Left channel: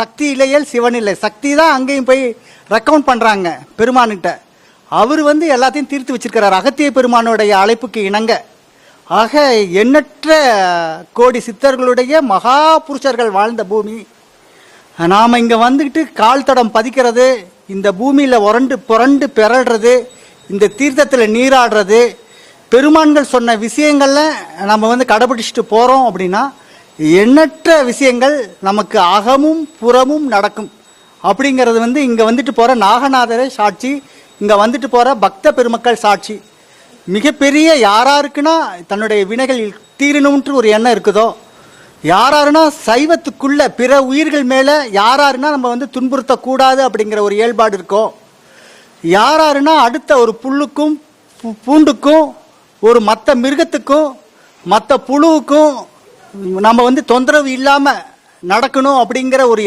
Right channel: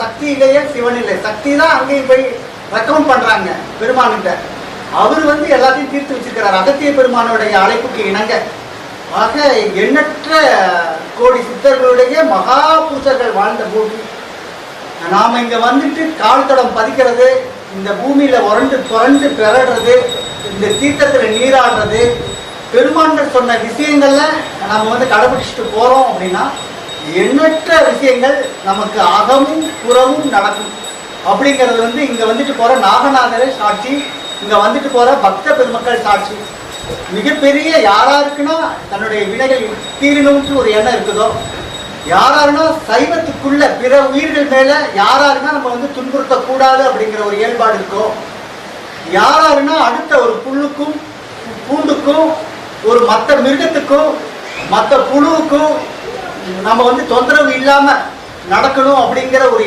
சக்தி இல்லையே சிவன் இல்லை. சக்தி தான் அங்கேயும் போய் ரெக்கமெண்ட் பண்றாங்க பெருமான்கிட்ட. அவர் வந்து எல்லாத்தையும் தீர்த்து வச்சிருக்கிறார் அகத்திய பெருமானுடைய அழைப்புக்கு இணங்க. ஆக எண்ணற்ற கோடி சித்தர்களுடைய மகா பூஜர்கள் வாழ்ந்த பூமி. நாம் இங்கே வந்துட்டு கால் தடம் பதிக்கிறது, இந்த பூமியில் புரண்டு பிறடுறது, இந்த தீர்த்தத்தில் நீராடுறது, பெருமான்கள் சொன்ன விஷயங்கள்ல நம்ம வந்து கடைபிடிச்சிட்டு போகிறோம் அப்படின்னா எண்ணற்ற விஷயங்கள் நமக்கு அகமும் புறமும் நடக்கும் அப்படிங்கிறது வந்து இங்கே வந்துட்டு போகிற நாகநாதரே சாட்சி, இங்கே வந்துட்டு போகிற பக்த பெருமக்கள் சாட்சி. மிகப்பெரிய யாராருக்குன்னா தன்னுடைய வினைகள் தீரணும்னு ஒரு எண்ணம் இருக்குதோ, யாராருன்னா சைவத்துக்குள்ள பிற உயிர்கள் மேலே யாராருன்னா நம்ம வந்து துன்புறுத்தக்கூடாது அப்படிங்கிற ஒரு இயல்பாடு இருக்கோ, யாராருன்னா அடுத்த ஒரு புல்லுக்கும் பூண்டுக்கும் ஒரு மற்ற மிருகத்துக்கும் மற்ற புழுவுக்கும் நம்ம வந்து தொந்தரவு இல்லாமல் நடக்கணும் அப்படிங்கிற ஒரு